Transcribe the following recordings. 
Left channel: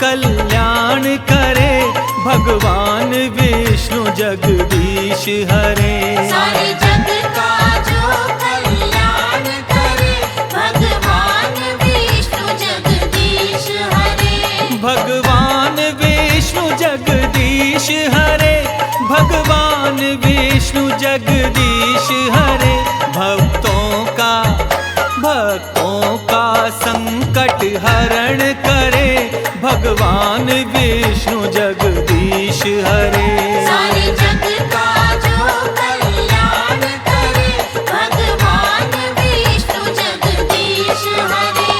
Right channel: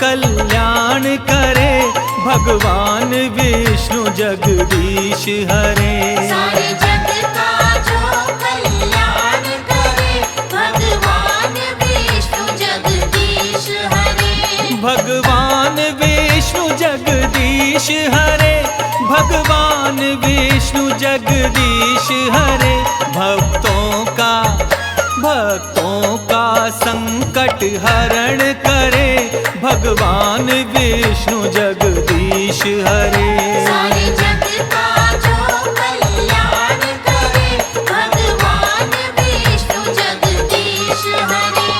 कल्याण करे, भगवान विष्णु जगदीश हरे। सारे जग का जो कल्याण करे, भगवान विष्णु जगदीश हरे। भगवान विष्णु जगदीश हरे, भगवान विष्णु जगदीश हरे। भक्तों का संकट हरण करे, भगवान विष्णु जगदीश हरे। सारे जग का जो कल्याण करे, भगवान विष्णु जगदीश हरे।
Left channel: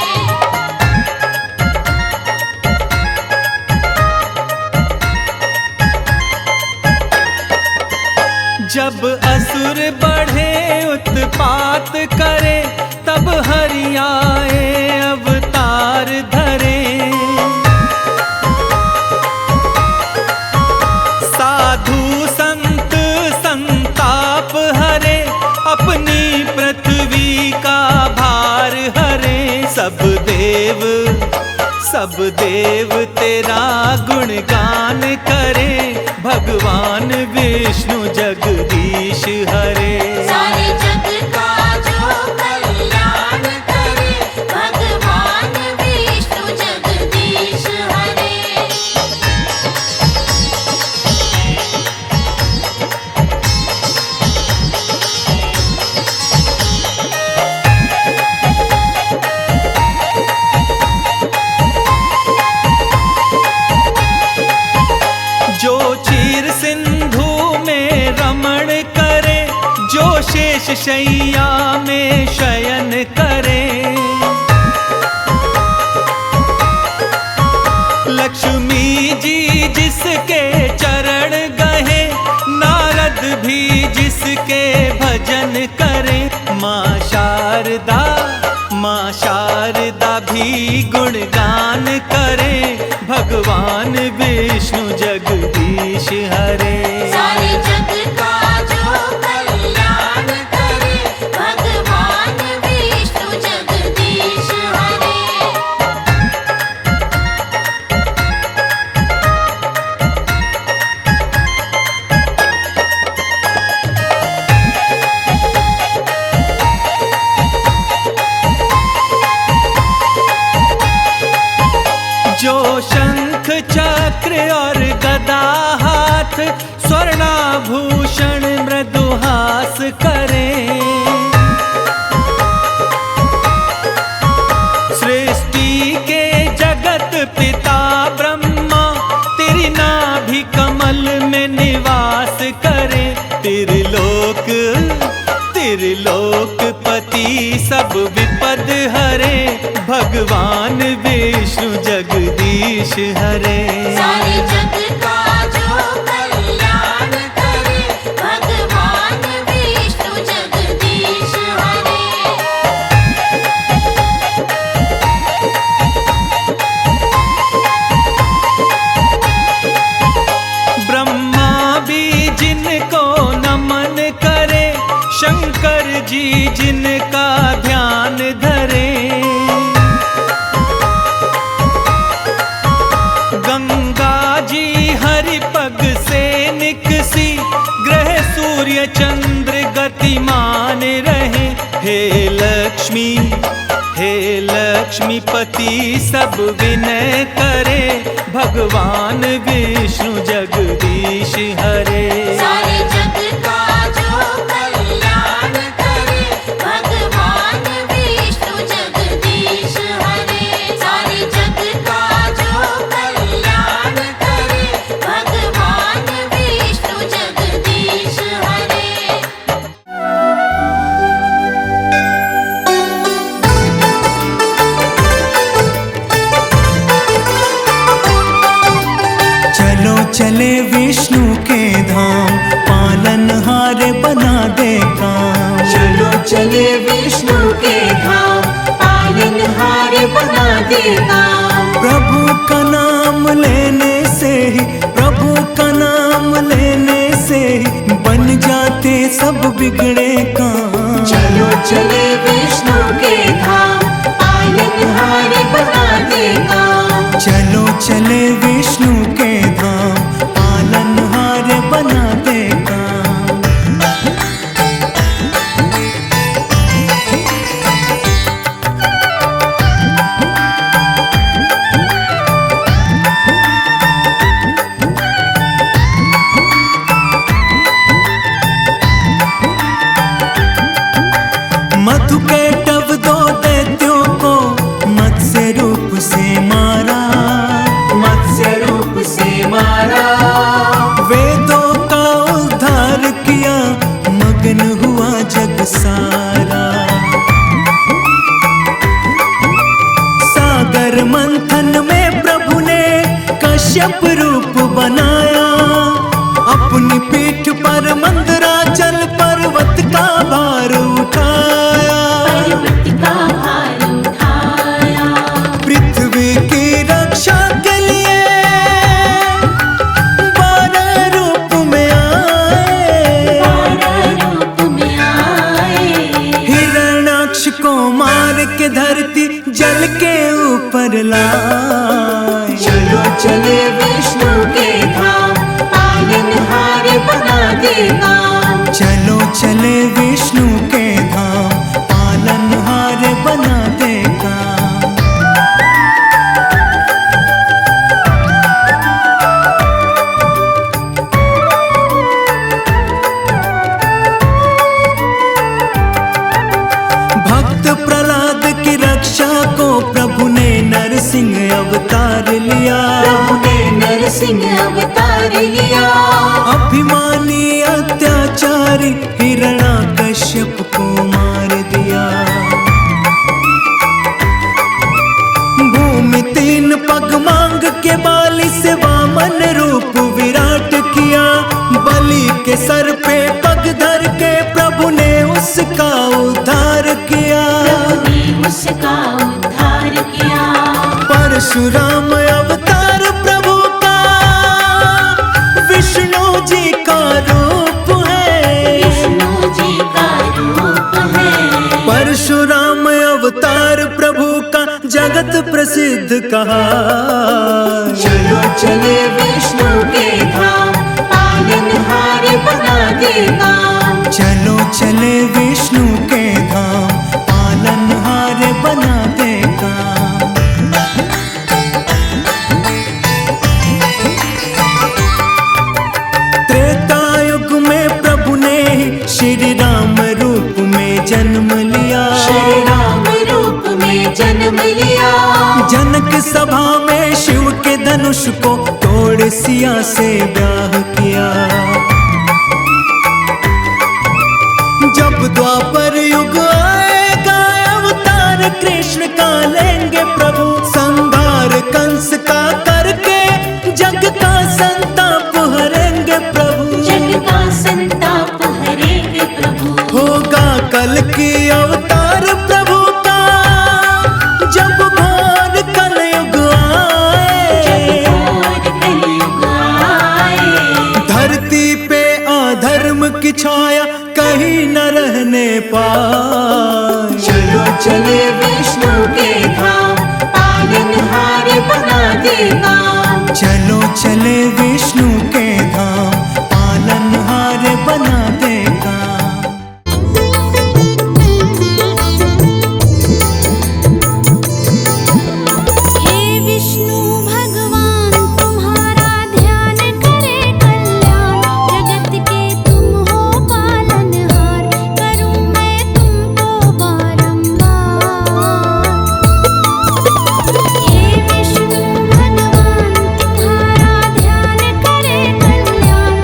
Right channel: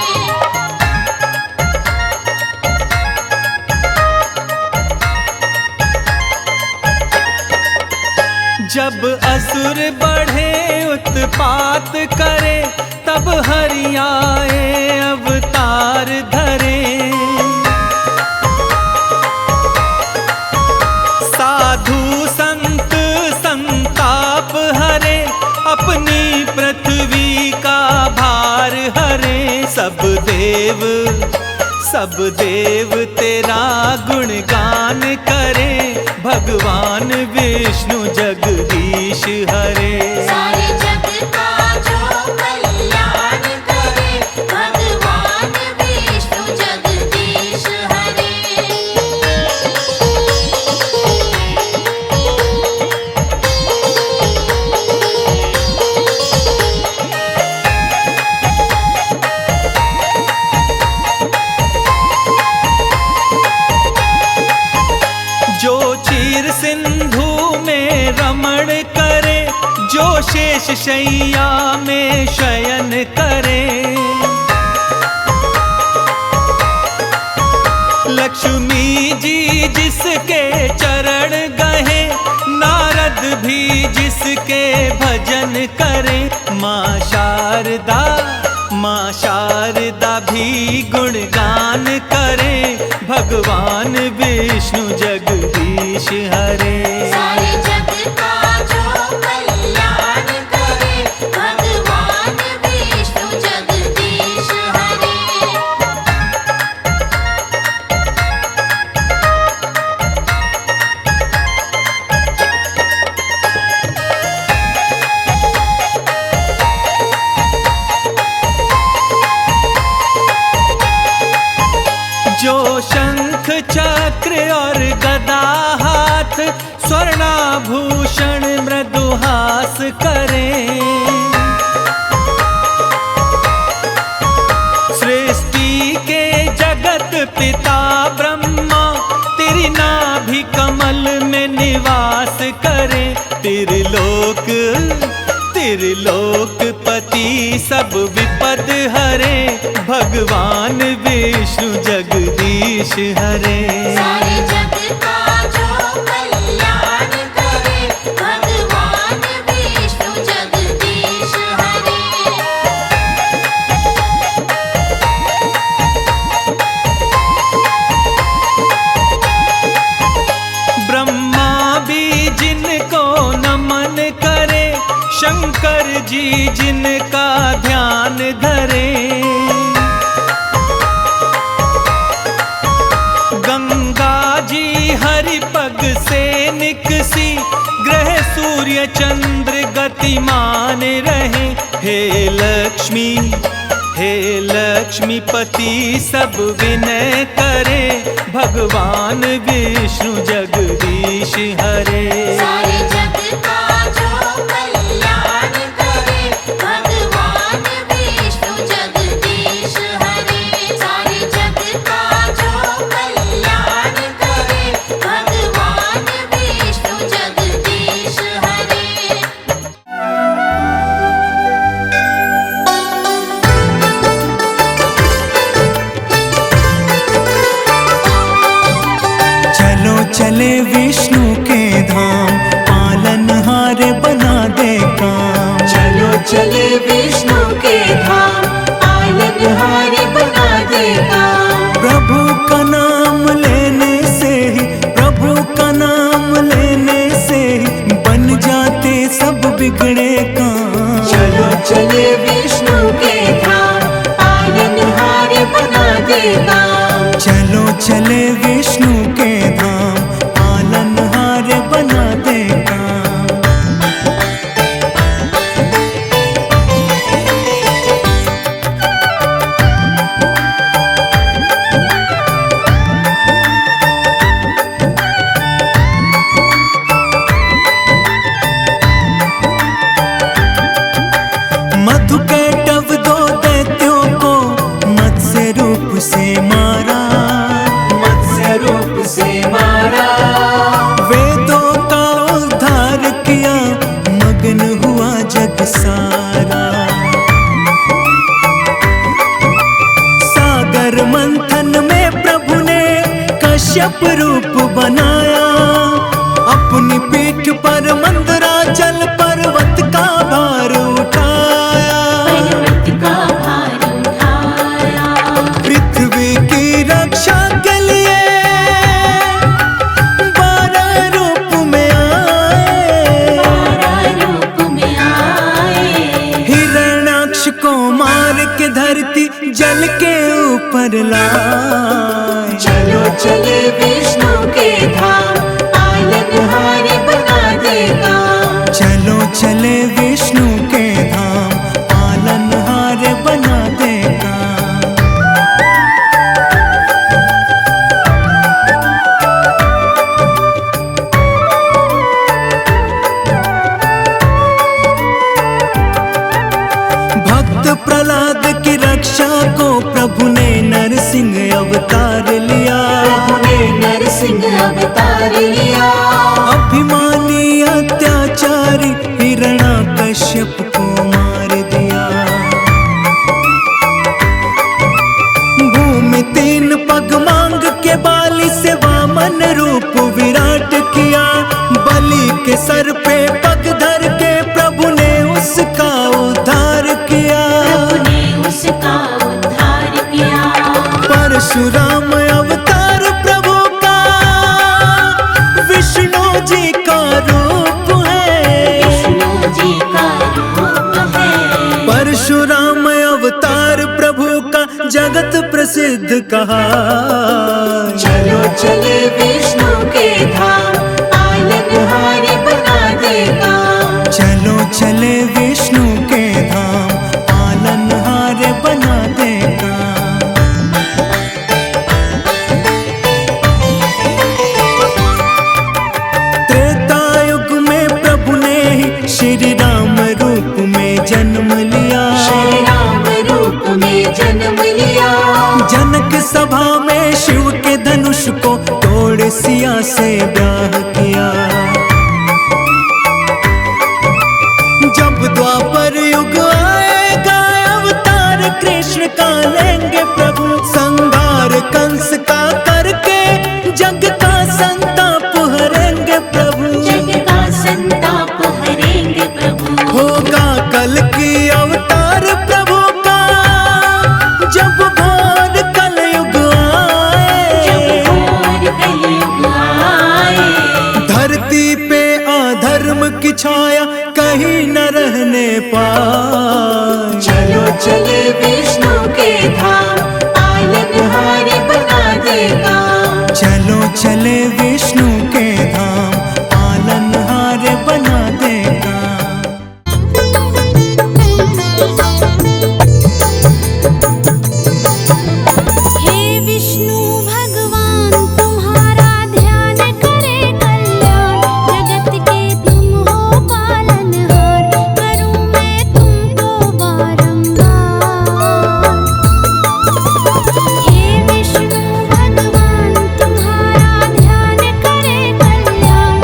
जब असुर बढ़े उत्पात करे, तब हरि आए अवतार धरे। साधु संत संताप हरे, अपनी पृथ्वी का भार हरे। सब देव तेरा गुणगान करे, भगवान विष्णु जगदीश हरे। सारे जग का जो कल्याण करे, भगवान विष्णु जगदीश हरे। जो क्षीर सिंधु में रमण करे, जो शेष शैया में शयन करे। लक्ष्मी जी जिसके चरण गहे, नारद भी जिसके भजन करे। माँ शारदा भी गुणगान करे, भगवान विष्णु जगदीश हरे। सारे जग का जो कल्याण करे, भगवान विष्णु जगदीश हरे। जो शंख चक्र और गदा हाथ, स्वर्णाभूषण मृदुहास करे। सृष्टि के जगत पिता ब्रह्मा, तेरी नाभि कमल में निवास करे। त्रिलोकपति सब विपद हरे, भगवान विष्णु जगदीश हरे। सारे जग का जो कल्याण करे, भगवान विष्णु जगदीश हरे। ब्रह्मा भी जिनको नमन करे, शंकर जी जिनका ध्यान धरे। गंगा जी हरि पग से निकसी, ग्रह सूर्य चंद्र गतिमान रहे। हे लक्ष्मीपति सब विनय करे, भगवान विष्णु जगदीश हरे। सारे जग का जो कल्याण करे, भगवान विष्णु जगदीश हरे। सारे जग का जो कल्याण करे, भगवान विष्णु जगदीश हरे। चले विष्णु के धाम, पालनहार बना दे काम। चलो चले विष्णु के धाम, पालनहार बना दे काम। प्रभु का नाम लेने से ही, प्रभु का नाम लेने से ही बन जाते सब बिगड़े काम। चलो चले विष्णु के धाम, पालनहार बना दे काम। चलो चले विष्णु के धाम, पालनहार बना दे काम। मधु कैटव दो दैत्यों को मत्स्य रूप से मारा, मत्स्य रूप से मारा। वेदों का उद्धार किया, मगन हुआ जग सारा। सागर मंथन में प्रभु ने कश्यप रूप बनाया, अपनी पीठ पर मंदराचल पर्वत का भार उठाया। पर्वत का भार उठाया। पृथ्वी की रक्षा के लिए 12 रूप में आए, 12 रूप में आए। हिरण्याक्ष को मार के धरती जल के ऊपर लाए। चलो चले विष्णु के धाम, पालनहार बना दे काम। चलो चले विष्णु के धाम, पालनहार बना दे काम। भक्त प्रहलाद की रक्षा को प्रभु ने नरसिंह अवतार लिया। ने नरसिंह अवतार लिया। अभिमानी अत्याचारी हिरण्याकश्यप को मार दिया। भूमि 3 पग मांग के बाली से वामन रूप विराट किया। बलि के सर पे पग धर के प्रभु ने उसका उद्धार किया। ने उसका उद्धार किया। परशुराम अवतार प्रभु का विष्णु जी का रूप है। विष्णु जी का रूप है। परशुराम अवतार प्रभु का जगत प्रसिद्ध कहा। चलो चले विष्णु के धाम, पालनहार बना दे काम। चलो चले विष्णु के धाम, पालनहार बना दे काम। त्रेता युग में प्रभु ने ही श्री राम रूप में जन्म लिया। श्री राम रूप में जन्म लिया। जनक सभा में शिव के धनुष को तोड़ सिया से ब्याह किया। जब द्वापर युग आएगा अवतार कृष्ण का लेंगे प्रभु। संहार कंस का करके जग का संताप हरेंगे प्रभु। जग का संताप हरेंगे प्रभु। होगा कल की अवतार प्रभु का, जब घोर कलयुग आए। और कलयुग आए। धरती पे अधर्म की छाया कहीं न रहने पाए। चलो चले विष्णु के धाम, पालनहार बना दे काम। चलो चले विष्णु के धाम, पालनहार बना दे काम। हे विष्णु भगवान तुम्हारा ध्यान करे कल्याण, जगत के तुम हो पालनहार, करूं मैं तुमको बारंबार। हे विष्णु भगवान तुम्हारा ध्यान करे कल्याण,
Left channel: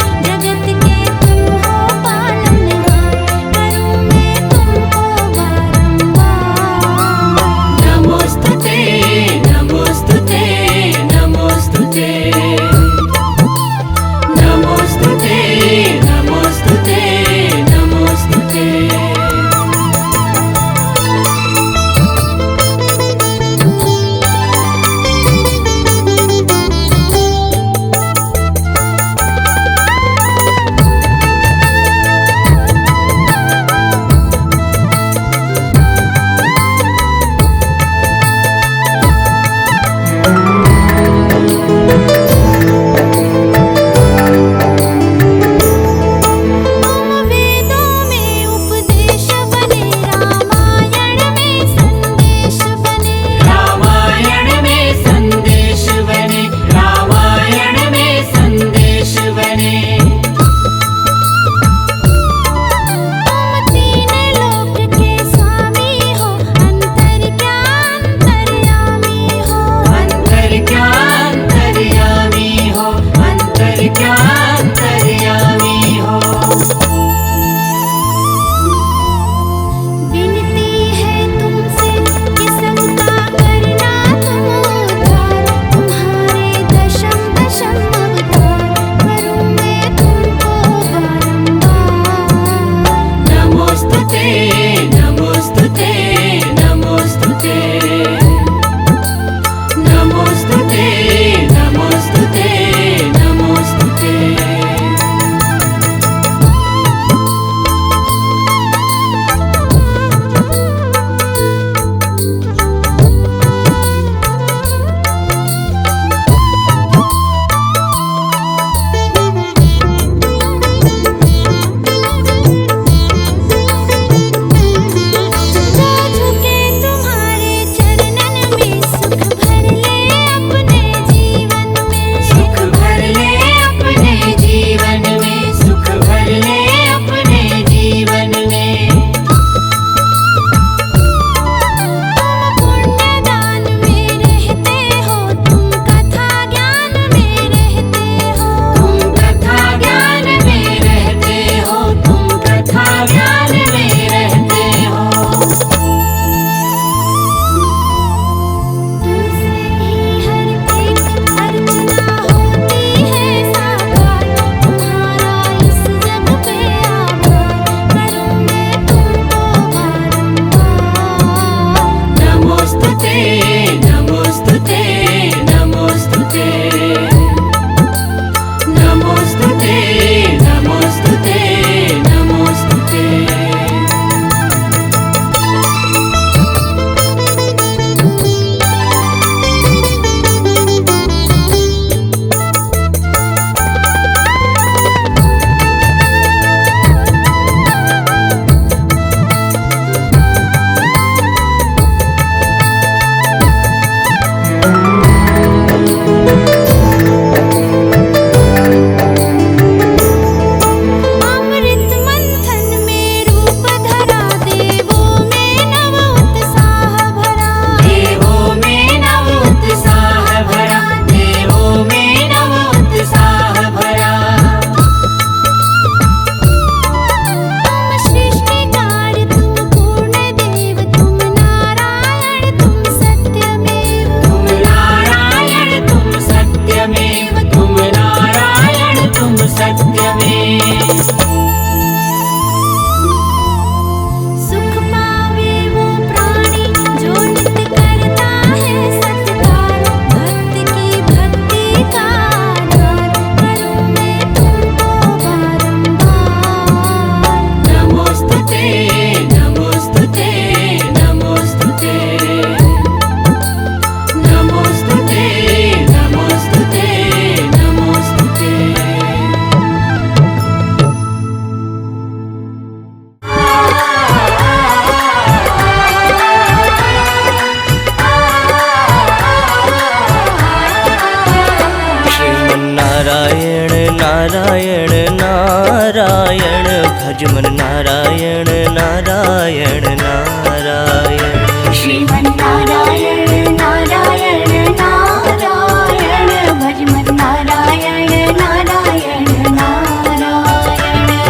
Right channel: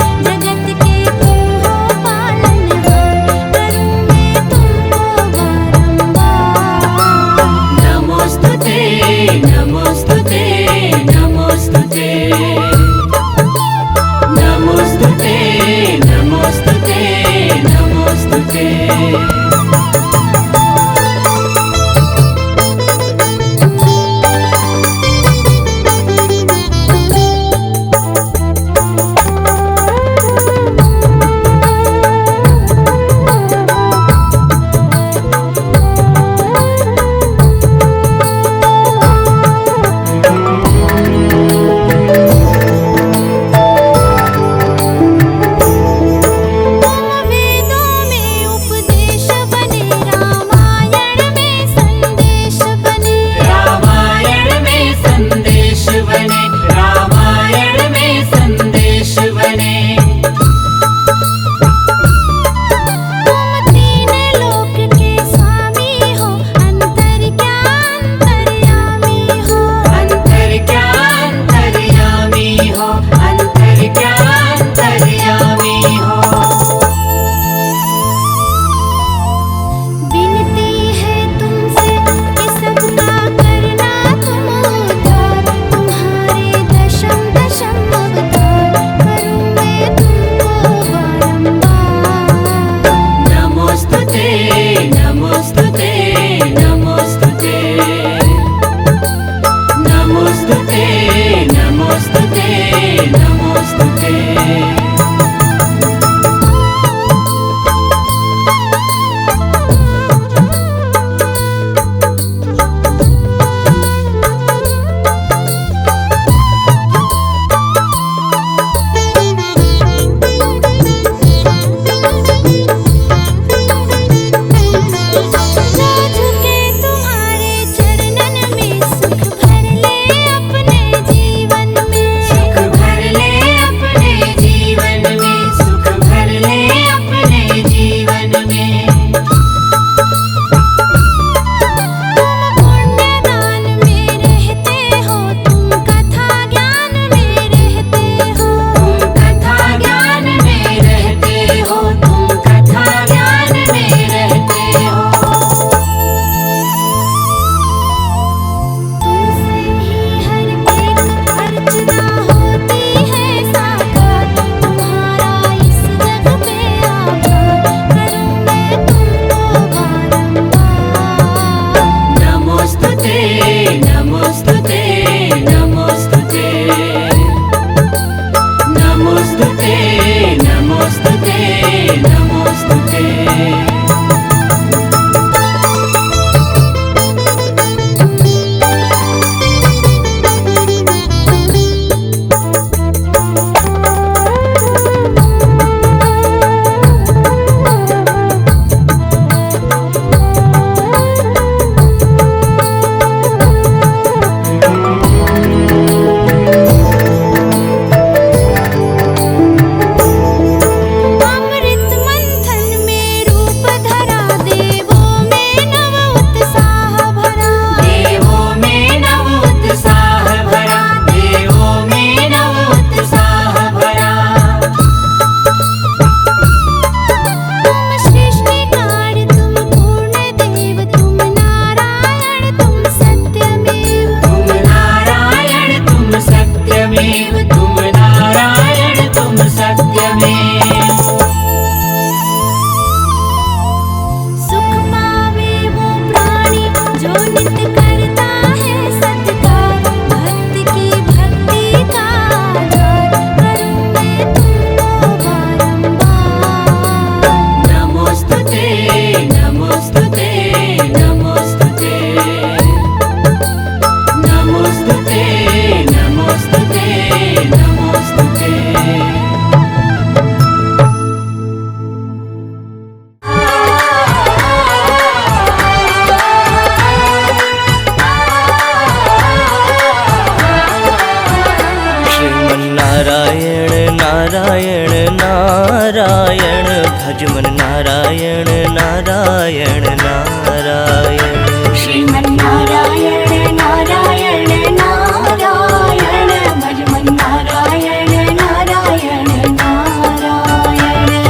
नारायण नारायण नारायण भज मन नारायण नारायण नारायण श्रीमन्नारायण नारायण नारायण भज मन नारायण नारायण नारायण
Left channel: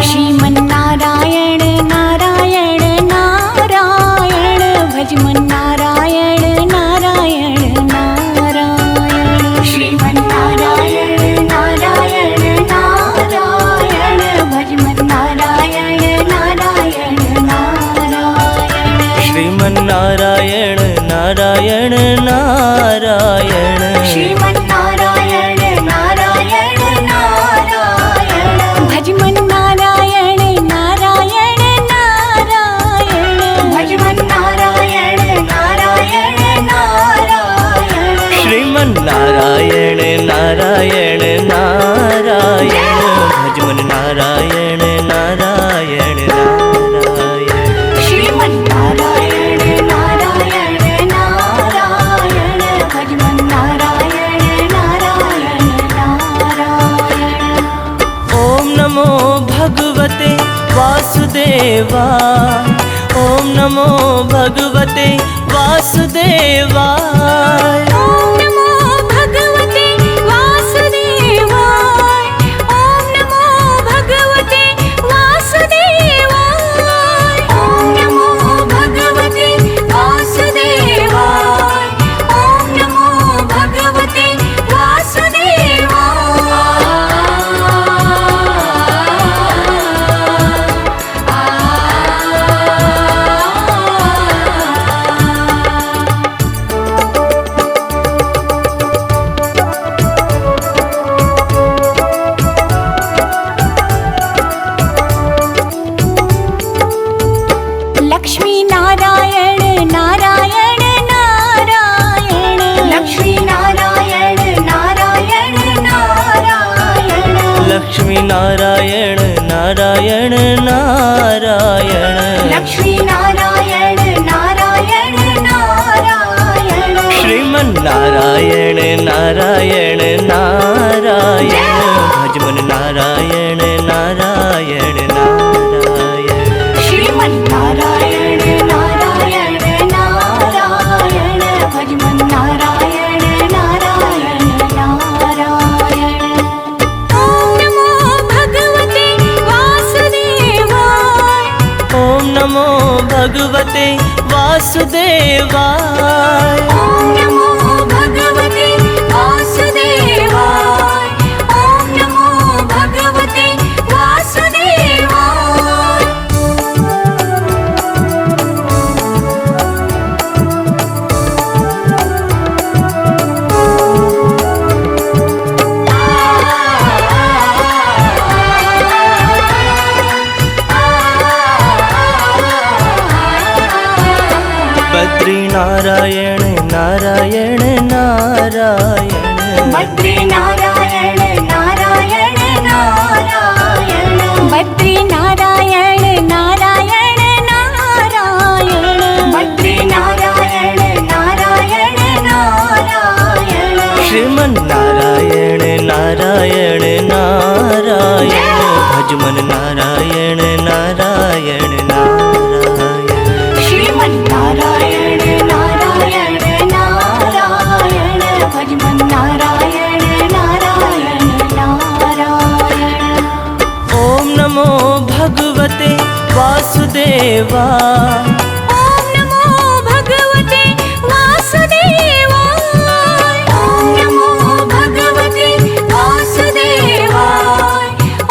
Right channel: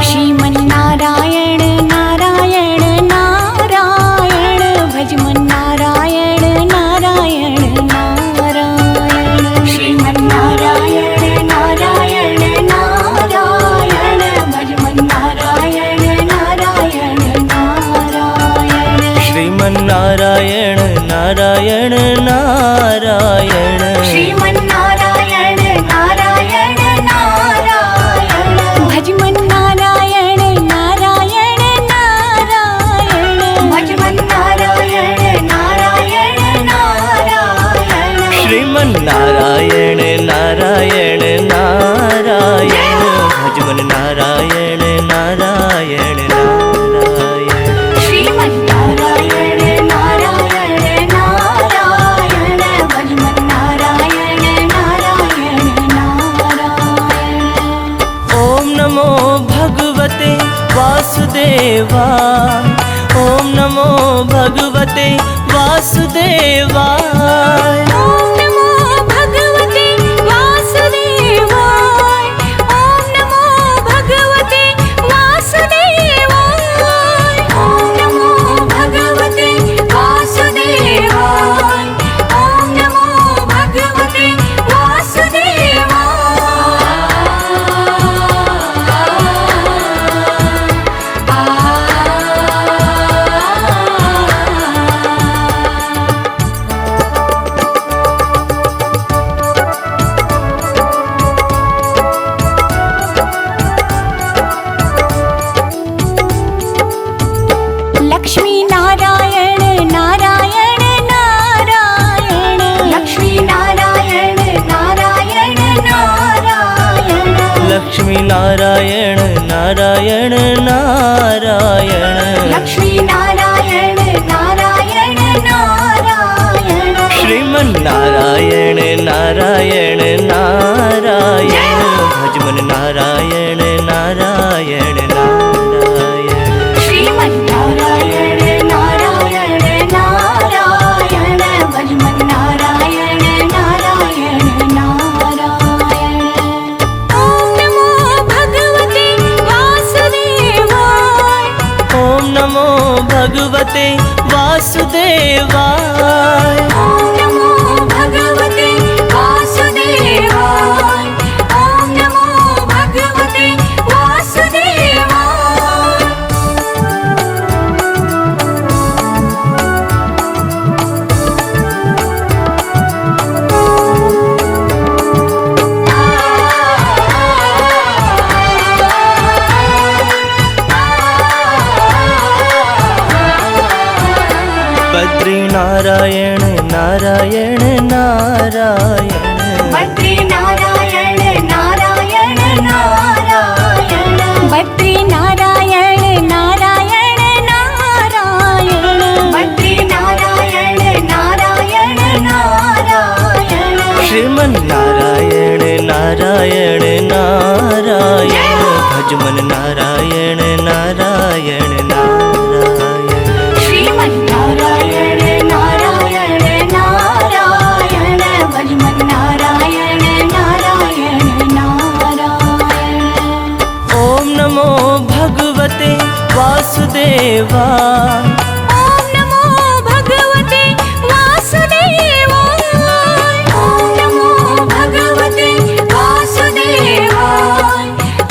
श्रीमन्नारायण नारायण नारायण भज मन नारायण नारायण नारायण श्रीमन्नारायण नारायण नारायण भज मन नारायण नारायण नारायण श्रीमन्नारायण नारायण नारायण श्रीमन्नारायण नारायण नारायण भज मन नारायण नारायण नारायण भज मन नारायण नारायण नारायण श्रीमन्नारायण नारायण नारायण भज मन नारायण नारायण नारायण श्रीमन्नारायण नारायण नारायण भज मन नारायण नारायण नारायण ओम नमो भगवते वासुदेवाय ओम नमो भगवते वासुदेवाय ओम नमो भगवते वासुदेवाय ओम नमो भगवते वासुदेवाय ओम नमो भगवते वासुदेवाय ओम नमो भगवते लक्ष्मी नारायण नारायण नारायण लक्ष्मी नारायण नारायण नारायण लक्ष्मी नारायण नारायण नारायण लक्ष्मी नारायण नारायण नारायण श्रीमन्नारायण नारायण नारायण भज मन नारायण नारायण नारायण श्रीमन्नारायण नारायण नारायण भज मन नारायण नारायण नारायण ओम नमो भगवते वासुदेवाय ओम नमो भगवते वासुदेवाय ओम नमो भगवते वासुदेवाय ओम नमो भगवते वासुदेवाय बद्री नारायण नारायण नारायण बद्री नारायण नारायण नारायण बद्री नारायण नारायण नारायण बद्री नारायण नारायण नारायण श्रीमन्नारायण नारायण नारायण भज मन नारायण नारायण नारायण श्रीमन्नारायण नारायण नारायण भज मन नारायण नारायण नारायण ओम नमो भगवते वासुदेवाय ओम नमो भगवते वासुदेवाय ओम नमो भगवते वासुदेवाय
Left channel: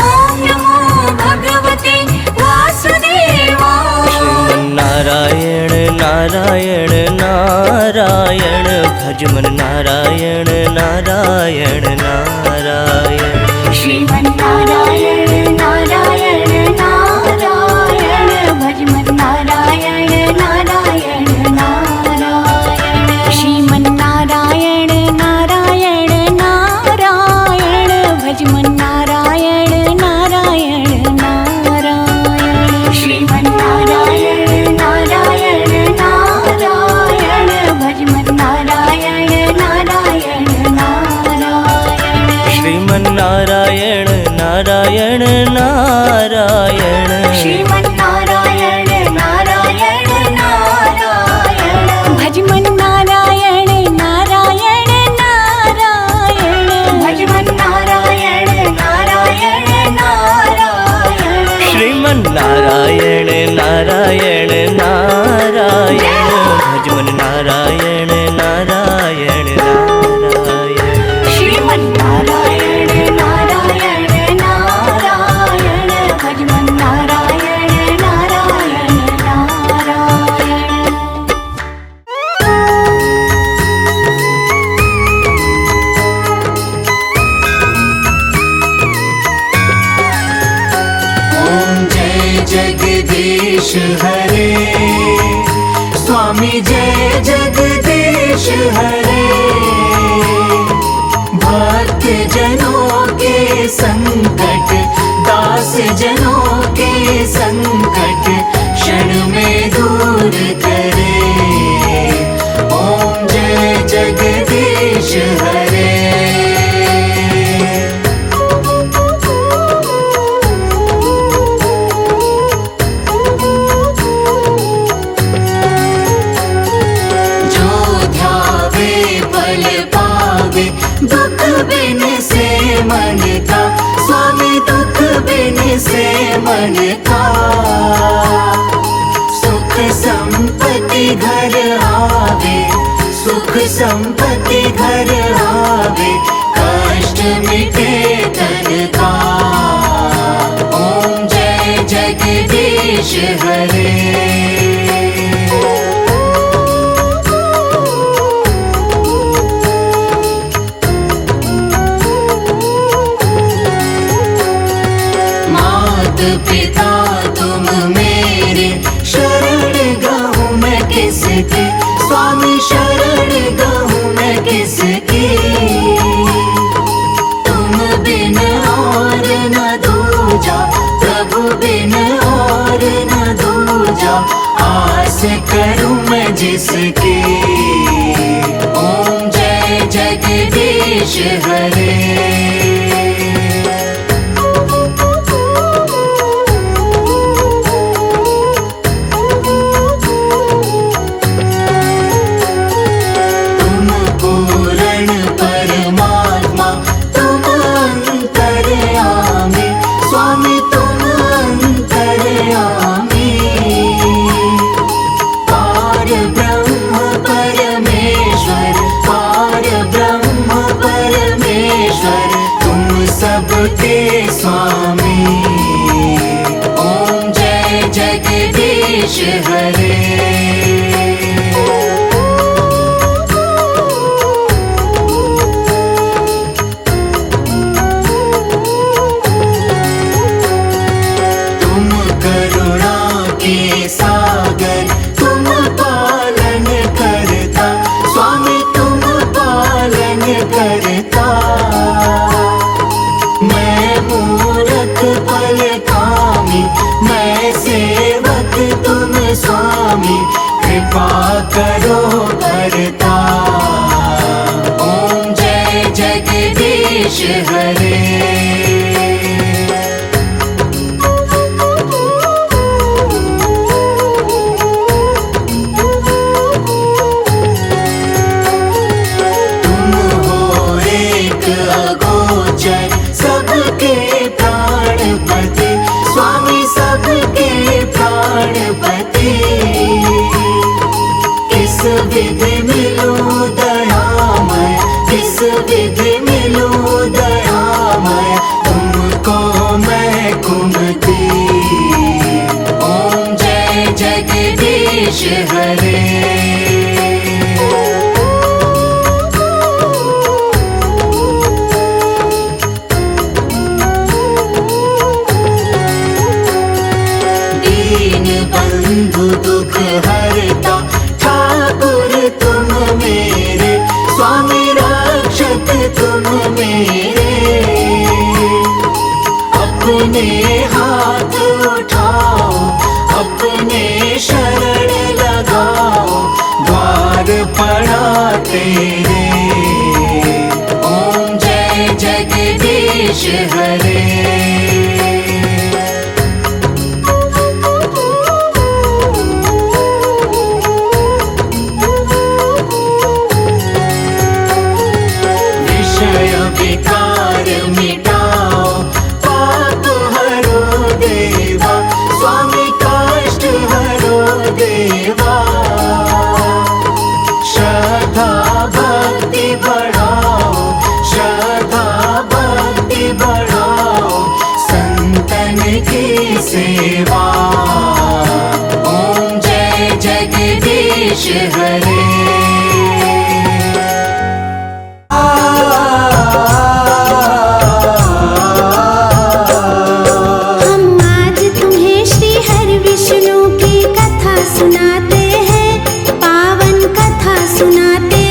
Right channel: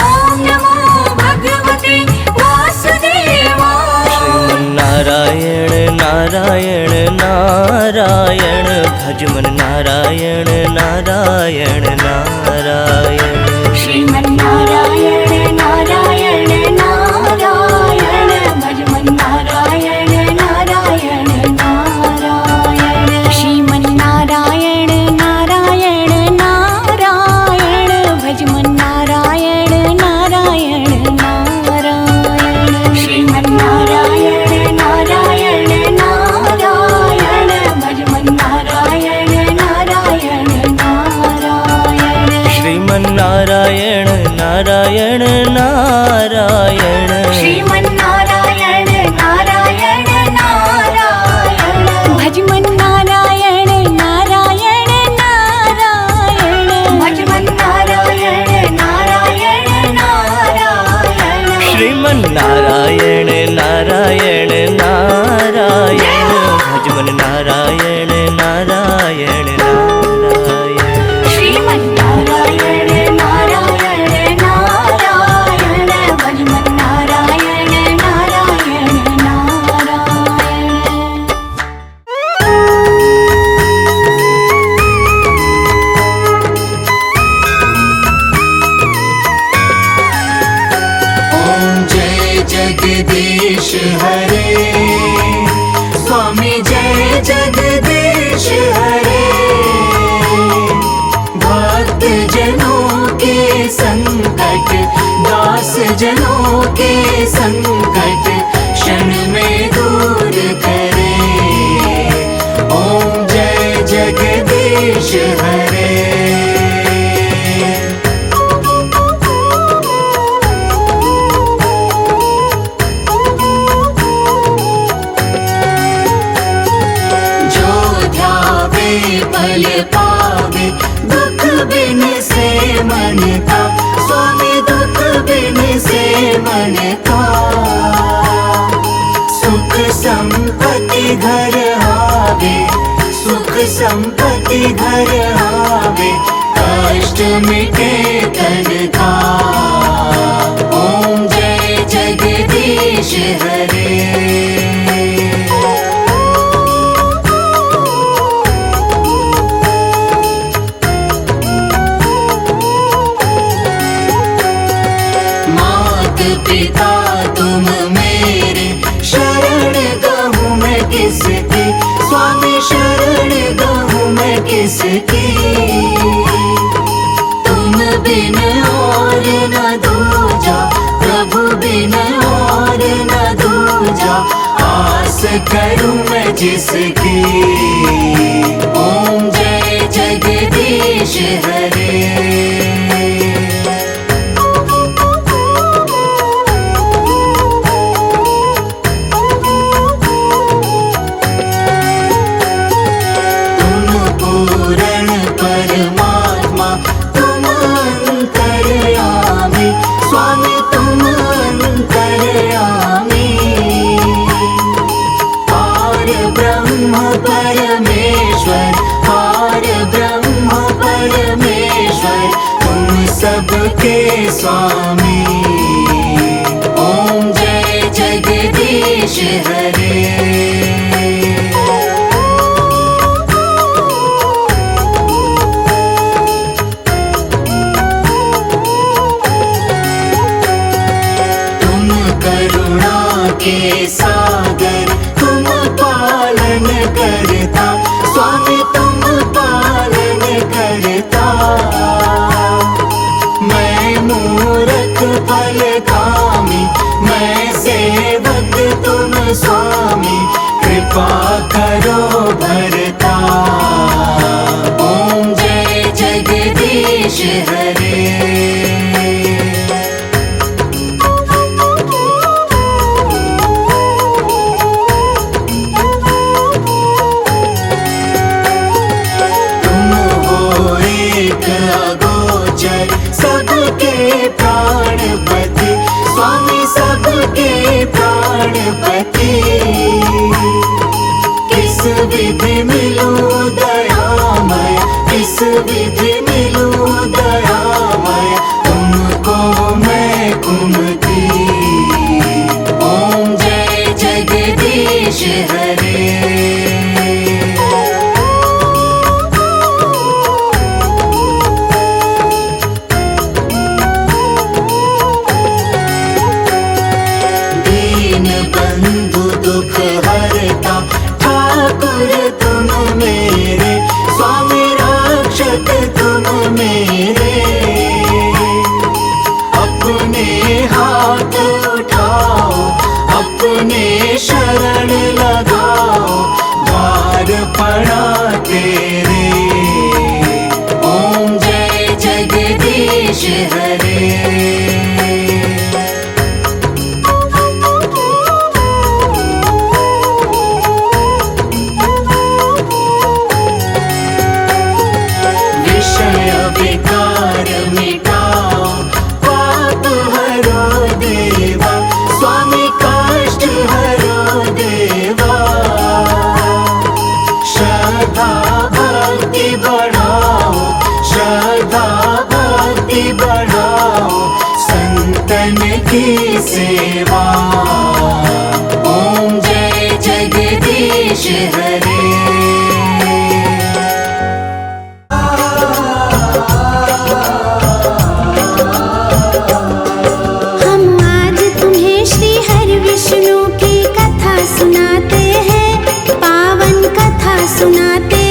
ओम नमो भगवते वासुदेवाय श्रीमन्नारायण नारायण नारायण भज मन नारायण नारायण नारायण श्रीमन्नारायण नारायण नारायण भज मन नारायण नारायण नारायण श्रीमन्नारायण नारायण नारायण भज मन नारायण नारायण नारायण श्रीमन्नारायण नारायण नारायण भज मन नारायण नारायण नारायण श्रीमन्नारायण नारायण नारायण श्रीमन्नारायण नारायण नारायण भज मन नारायण नारायण नारायण भज मन नारायण नारायण नारायण श्रीमन्नारायण नारायण नारायण भज मन नारायण नारायण नारायण श्रीमन्नारायण नारायण नारायण भज मन नारायण नारायण ओम जय जगदीश हरे स्वामी जय जगदीश हरे भक्त जनों के संकट दास जनों के संकट क्षण में दूर करे ओम जय जगदीश हरे जो ध्यावे फल पावे दुख बिन से मन का स्वामी दुख बिन से मन का सुख संपत्ति घर आवे सुख संपत्ति घर आवे कष्ट मिटे तन का ओम जय जगदीश हरे मात पिता तुम मेरे शरण गहूँ मैं किसकी स्वामी शरण गहूँ मैं किसकी तुम बिन और न दूजा प्रभु बिन और न दूजा आस करूँ मैं जिसकी ओम जय जगदीश हरे तुम पूर्ण परमात्मा तुम अंतर्यामी स्वामी तुम अंतर्यामी पार ब्रह्म परमेश्वर पार ब्रह्म परमेश्वर तुम सबके स्वामी ओम जय जगदीश हरे तुम करुणा के सागर तुम पालन करता स्वामी तुम पालन करता मैं मूरख फल कामी मैं सेवक तुम स्वामी कृपा करो भरता ओम जय जगदीश हरे हरे। हम आज तुम्हें श्री हरि विष्णु की कथा सुनाते हैं, पावन कथा सुनाते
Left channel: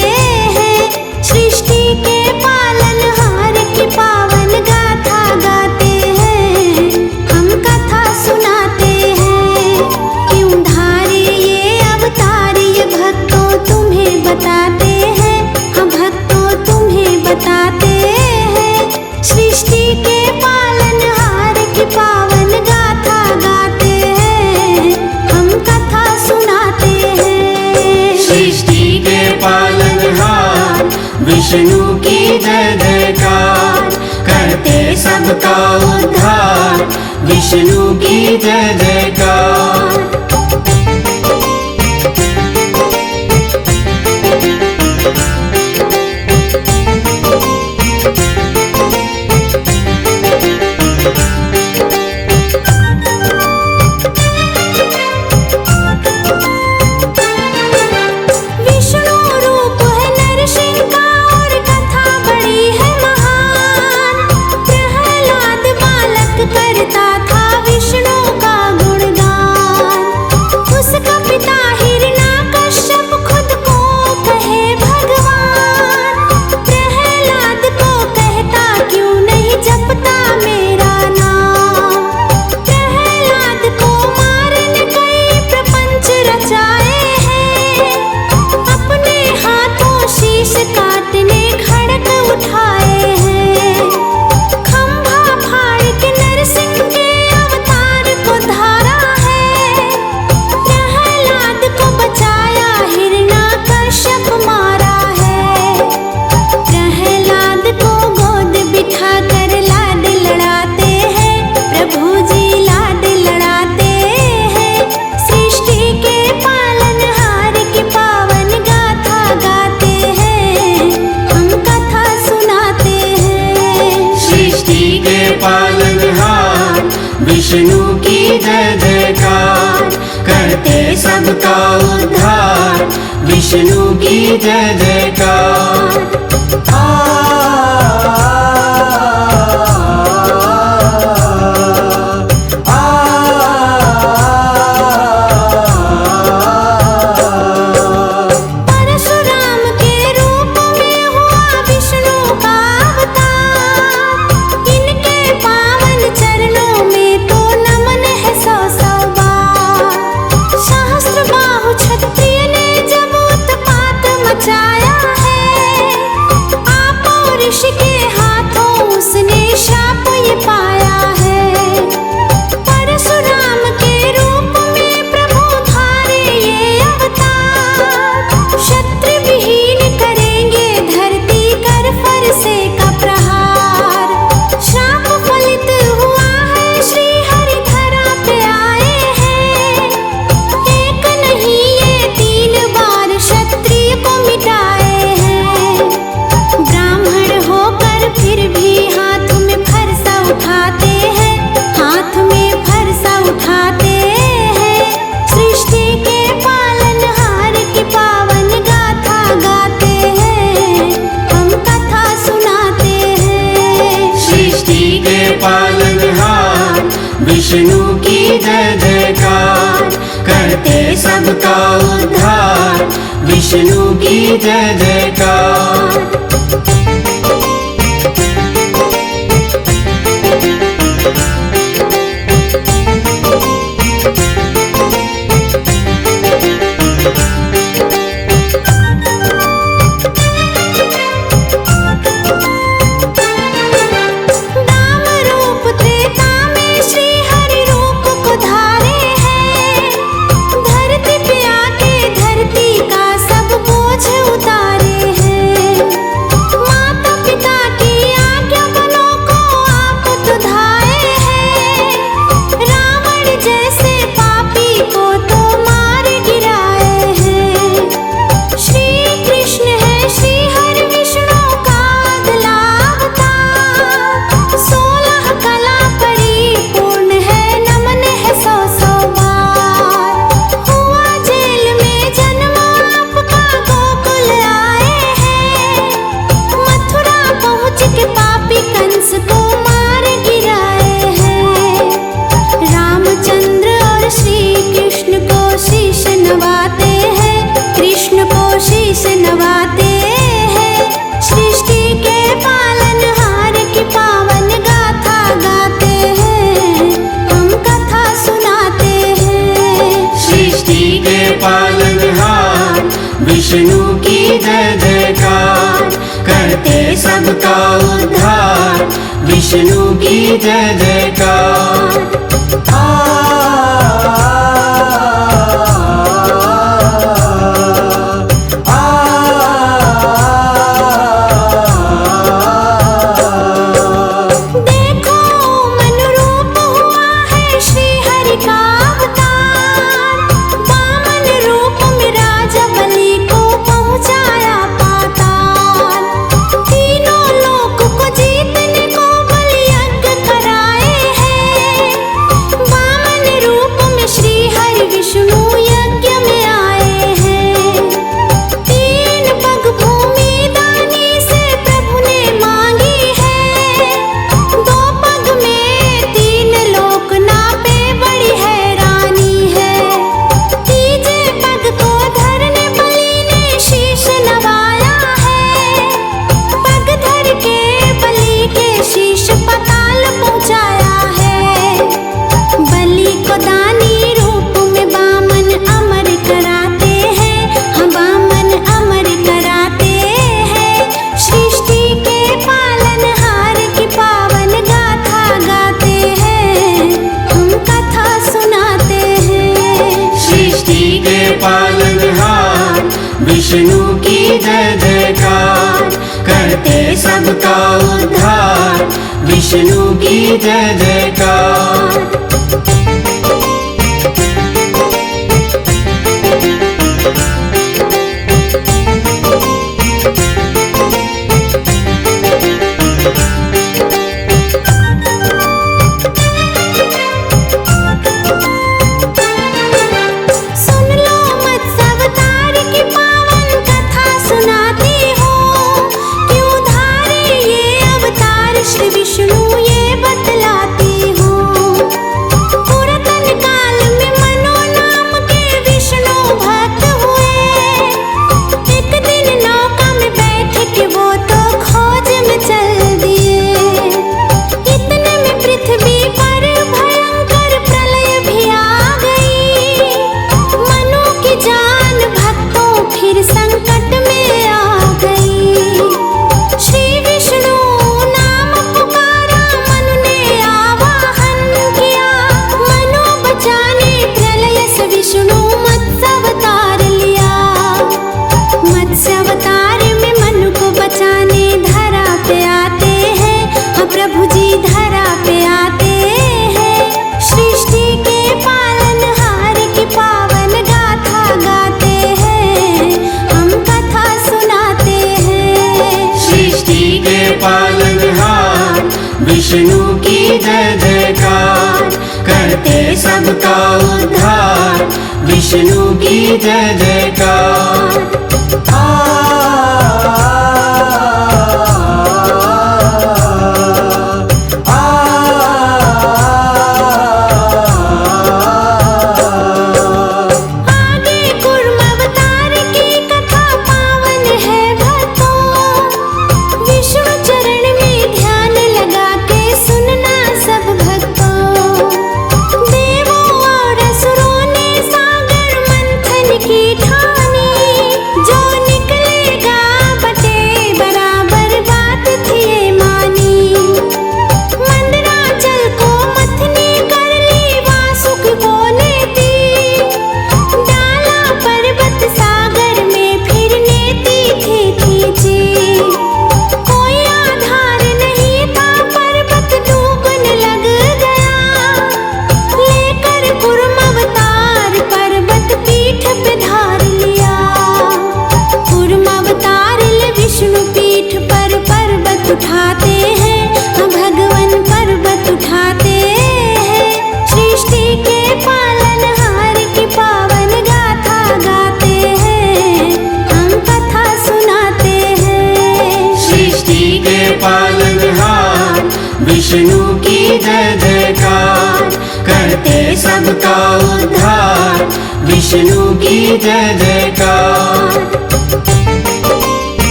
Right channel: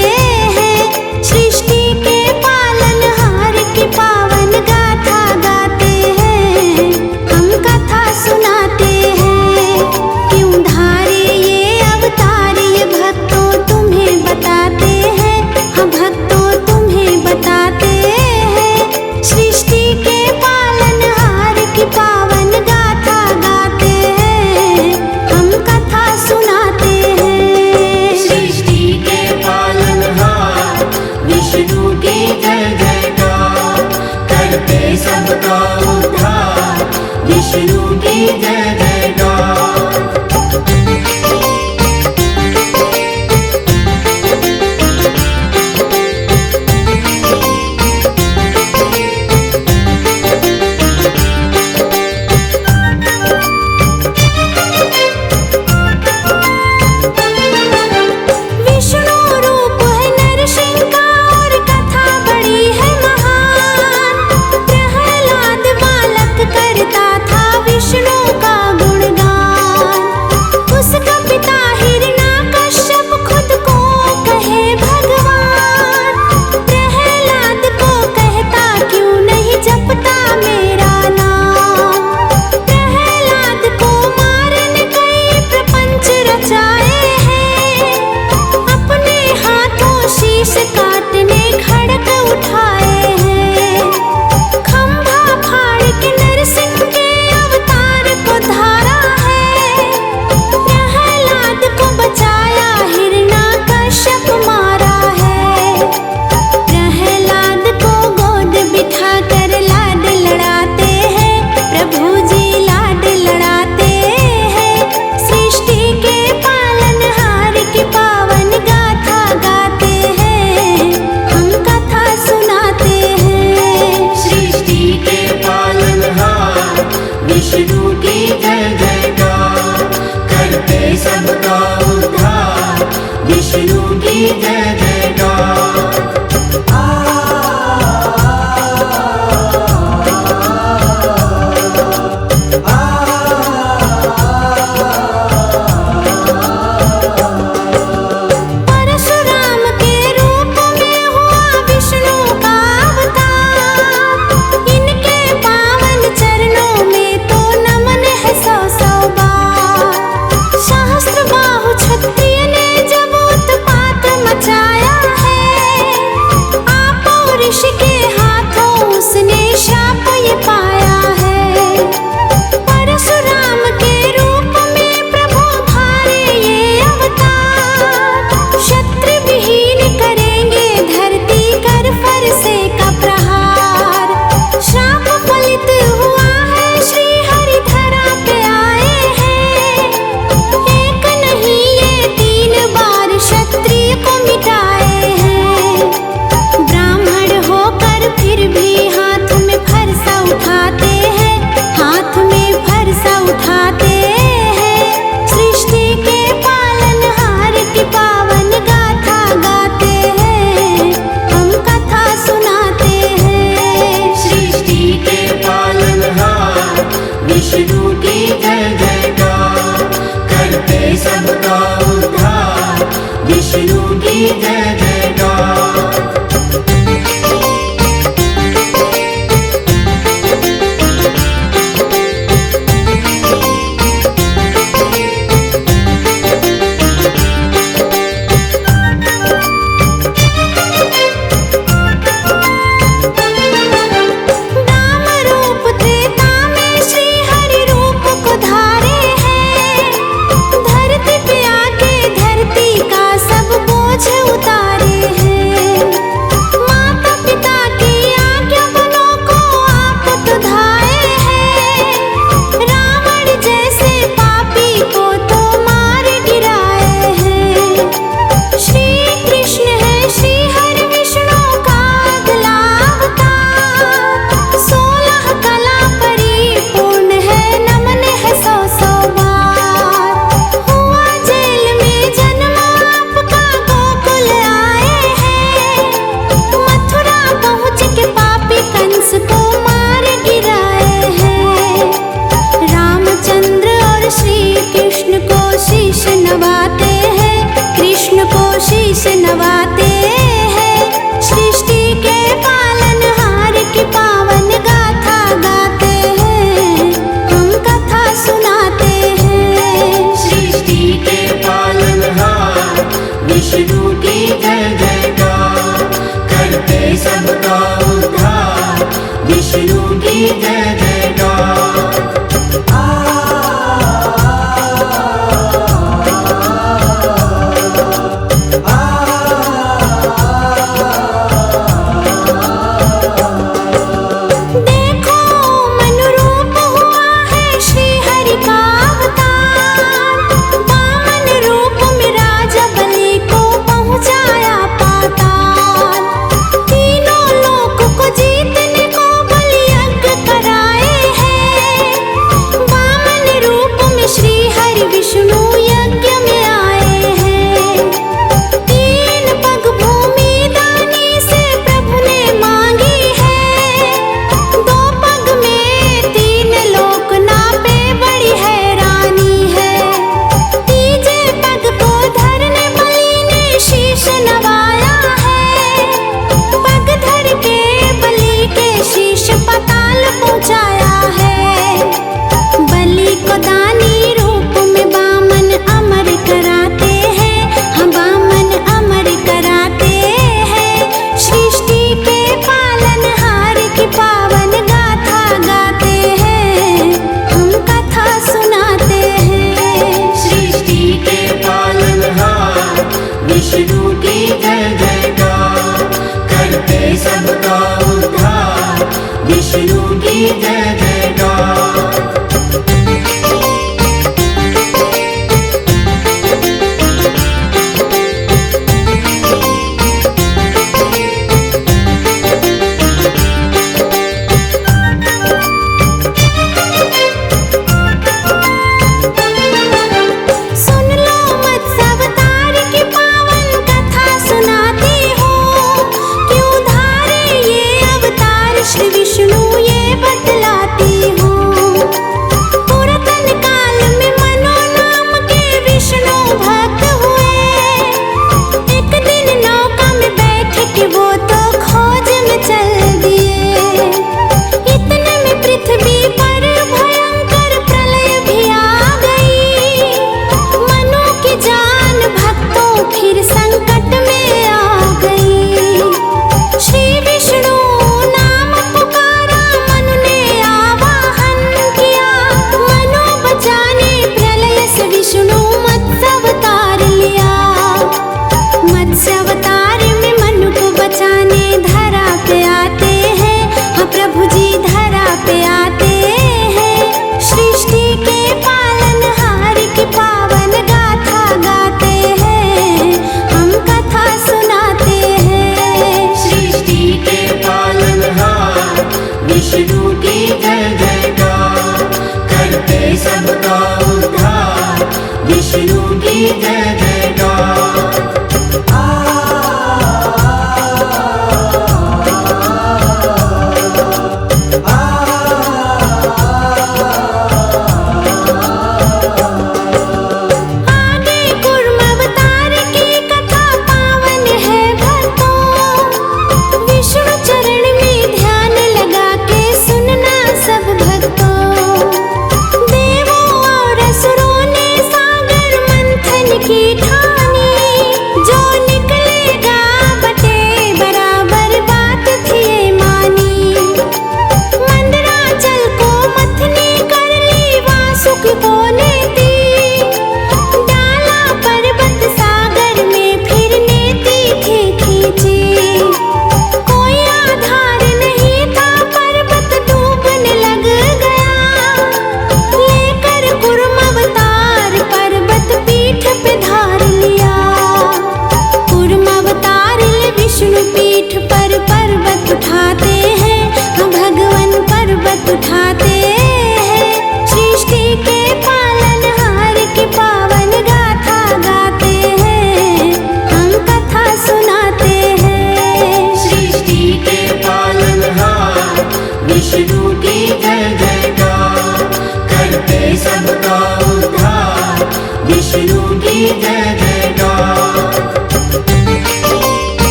हैं। सृष्टि के पालनहार की पावन गाथा गाते हैं, हम कथा सुनाते हैं। क्यों धारे ये अवतार ये भक्तों तुम्हें बताते हैं, हम भक्तों तुम्हें बताते हैं। सृष्टि के पालनहार की पावन गाथा गाते हैं, हम कथा सुनाते हैं। सृष्टि के पालनहार विष्णु की जय जयकार, करते सबका उद्धार विष्णु की जय जयकार। विष्णु रूप है नरसिंह का और कथा बड़ी है महान। प्रहलाद बालक करता था विष्णु का गुणगान। उसका पिता हिरण्याकश्यप खुद को कहे भगवान। प्रहलाद को कहता क्यों नहीं जपता मेरा नाम। प्रहलाद को मारने कई प्रपंच रचाए हैं, अपने हाथों शीश काटने खड़क उठाए हैं। खंभा फाड़ के नरसिंह के अवतार को धारा है। प्रहलाद को बचाया हिरण्याकश्यप मारा है। प्रहलाद को गोद बिठा कर लाड लड़ाते हैं, प्रभु जी लाड लड़ाते हैं। सृष्टि के पालनहार की पावन गाथा गाते हैं, हम कथा सुनाते हैं। सृष्टि के पालनहार विष्णु की जय जयकार, करते सबका उद्धार विष्णु की जय जयकार। परशुराम के रूप में हुआ विष्णु का अवतार। इनके पावन चरणों में तो नमन है सौ सौ बार। सहस्त्र बाहु क्षत्रिय ने जब उत्पात मचाया है, आप ऋषि के हाथों उसने शाप ये पाया है। परशुराम के रूप में प्रभु धारे ये अवतार। क्षत्रिय विहीन करेंगे धरती कर फरसे का प्रहार। श्राप फलित हुआ है श्री हरि धरा पे आए हैं। एक नहीं ये 3 बार क्षत्रिय को मिटाए हैं। ब्राह्मण होकर फिर भी हाथ में फरसा उठा नवाते हैं। सृष्टि के पालनहार की पावन गाथा गाते हैं, हम कथा सुनाते हैं। सृष्टि के पालनहार विष्णु की जय जयकार, करते सबका उद्धार विष्णु की जय जयकार। देखो मनुरूप हुआ है श्री हरि का अवतार, वामन रूप में राजा बलि को पहुँचाया पाताल। तीनों लोक को जीतने को बलि यज्ञ कराए हैं, वामन रूप में श्री हरि विष्णु यज्ञ में आए हैं। तीन पग भूमि दानी से प्रभु ने मांगी है, दो पग में तीन लोक नापे बड़ी हैरानी है। तीजे पग को धरने बलि ने शीश नवाया है, पग धर के बलि के शीश पाताल पहुँचाया है। बलि को दानी रूप में वामन अमर कराते हैं, हम वामन अमर कराते हैं। सृष्टि के पालनहार की पावन गाथा गाते हैं, हम कथा सुनाते हैं। सृष्टि के पालनहार विष्णु की जय जयकार, करते सबका उद्धार विष्णु की जय जयकार। सुन लो मत्स्य अवतार की पावन कथा सुनाती हूँ, क्यों धारे ये अवतार श्री विष्णु ये बतलाती हूँ। पुरातन काल में मनो नाम के विष्णु भक्त हुए, एक दिन नौका में बैठ के वो तो खोज में चल दिए। इतने में पृथ्वी पर भयंकर प्रलय भी आ गई, मनु की जान भक्तों फिर संकट में आ गई। श्री विष्णु नाम पुकारा, मनु ने आवाहन किया, मनु बचाने प्रलय से विष्णु मत्स्य अवतार लिया। मत्स्य अवतार में मनु को बचाने धरा पे आते हैं, हाँ प्रभु जी धरा पे आते हैं। सृष्टि के पालनहार की पावन गाथा गाते हैं, हम कथा सुनाते हैं। सृष्टि के पालनहार विष्णु की जय जयकार, करते सबका उद्धार विष्णु की जय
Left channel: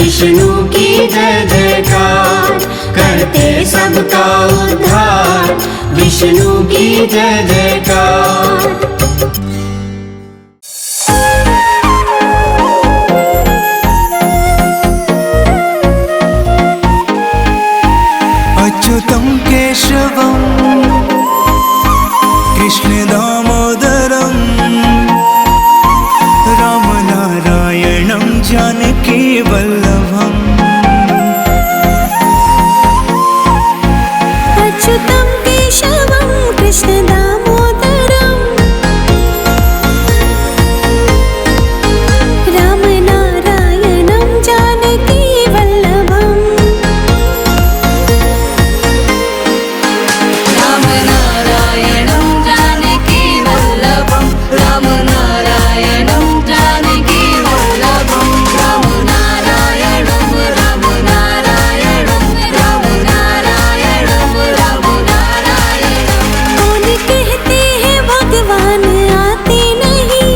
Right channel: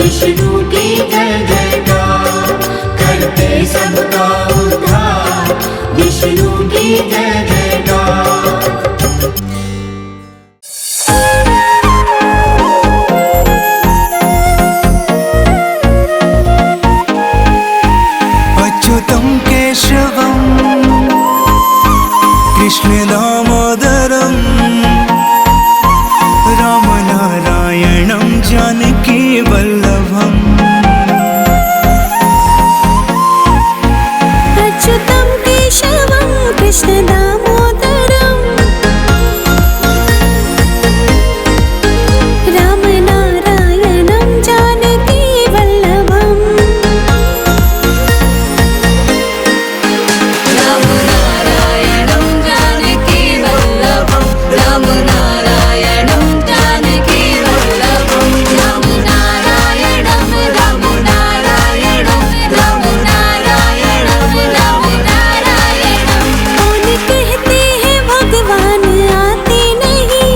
विष्णु की जय जयकार, करते सबका उद्धार, विष्णु की जय जयकार। अच्युतं केशवं कृष्ण दामोदरं रामनारायणं जानकी वल्लभम्। अच्युतं केशवं कृष्ण दामोदरं रामनारायणं जानकी वल्लभम्। भगवान आते नहीं,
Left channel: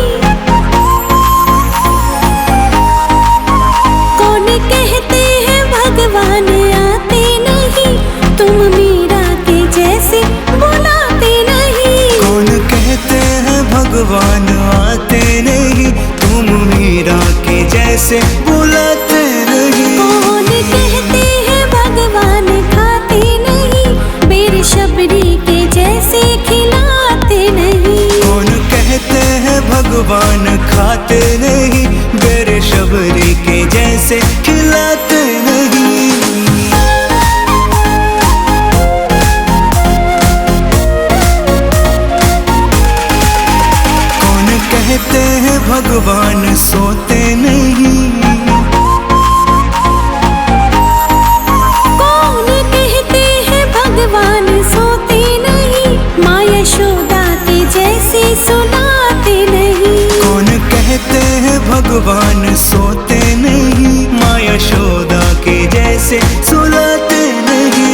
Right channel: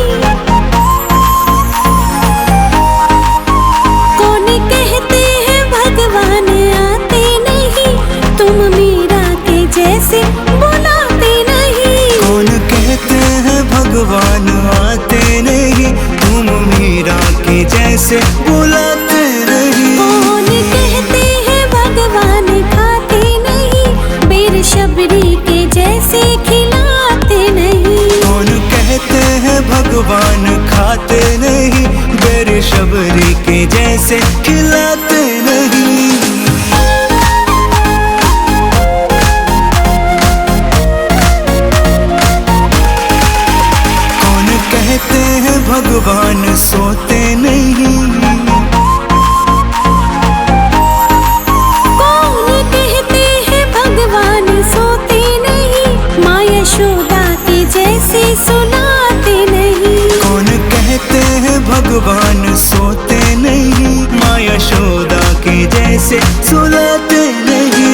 कौन कहते हैं भगवान आते नहीं, तुम मीरा के जैसे बुलाते नहीं। कौन कहते हैं भगवान आते नहीं, तुम मीरा के जैसे बुलाते नहीं। कौन कहते हैं भगवान खाते नहीं, बेर शबरी के जैसे खिलाते नहीं। कौन कहते हैं भगवान खाते नहीं, बेर शबरी के जैसे खिलाते नहीं। कौन कहते हैं भगवान सोते नहीं, कौन कहते हैं भगवान सोते नहीं, माँ यशोदा के जैसे सुनाते नहीं। कौन कहते हैं भगवान सोते नहीं, माँ यशोदा के जैसे सुलाते नहीं।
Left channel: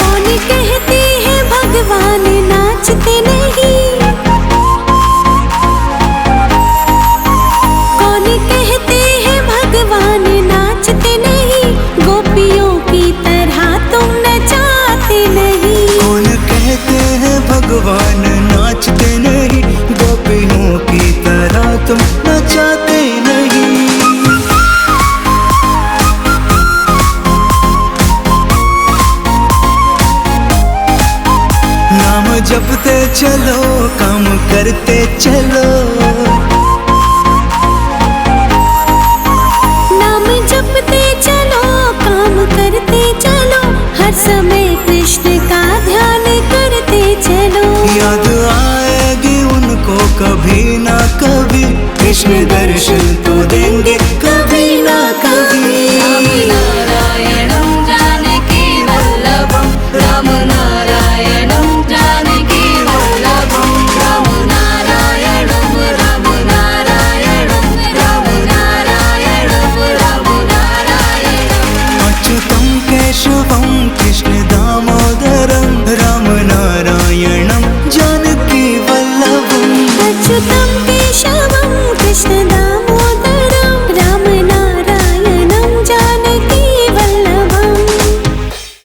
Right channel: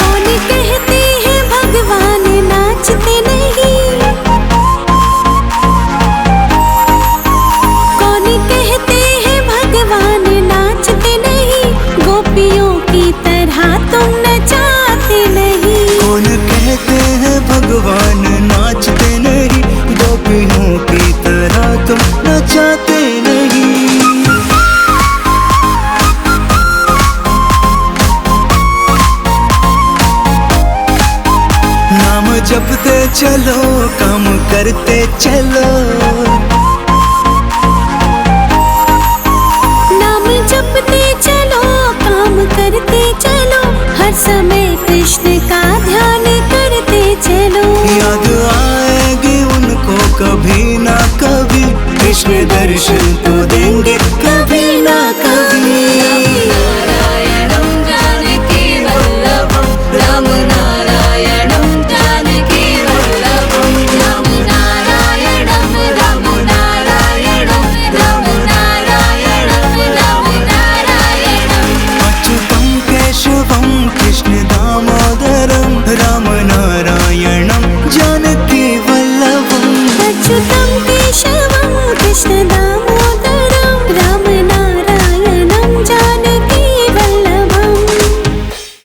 कौन कहते हैं भगवान नाचते नहीं, कौन कहते हैं भगवान नाचते नहीं, गोपियों की तरह तुम नचाते नहीं। कौन कहते हैं भगवान नाचते नहीं, गोपियों की तरह तुम नचाते नहीं। नाम जपते चलो काम करते चलो, नाम जपते चलो काम करते चलो, हर समय कृष्ण का ध्यान करते चलो। याद आएगी उनको कभी ना कभी, कृष्ण दर्शन तो देंगे कभी ना कभी। अच्युतं केशवं कृष्ण दामोदरं रामनारायणं जानकी वल्लभम्। अच्युतं केशवं कृष्ण दामोदरं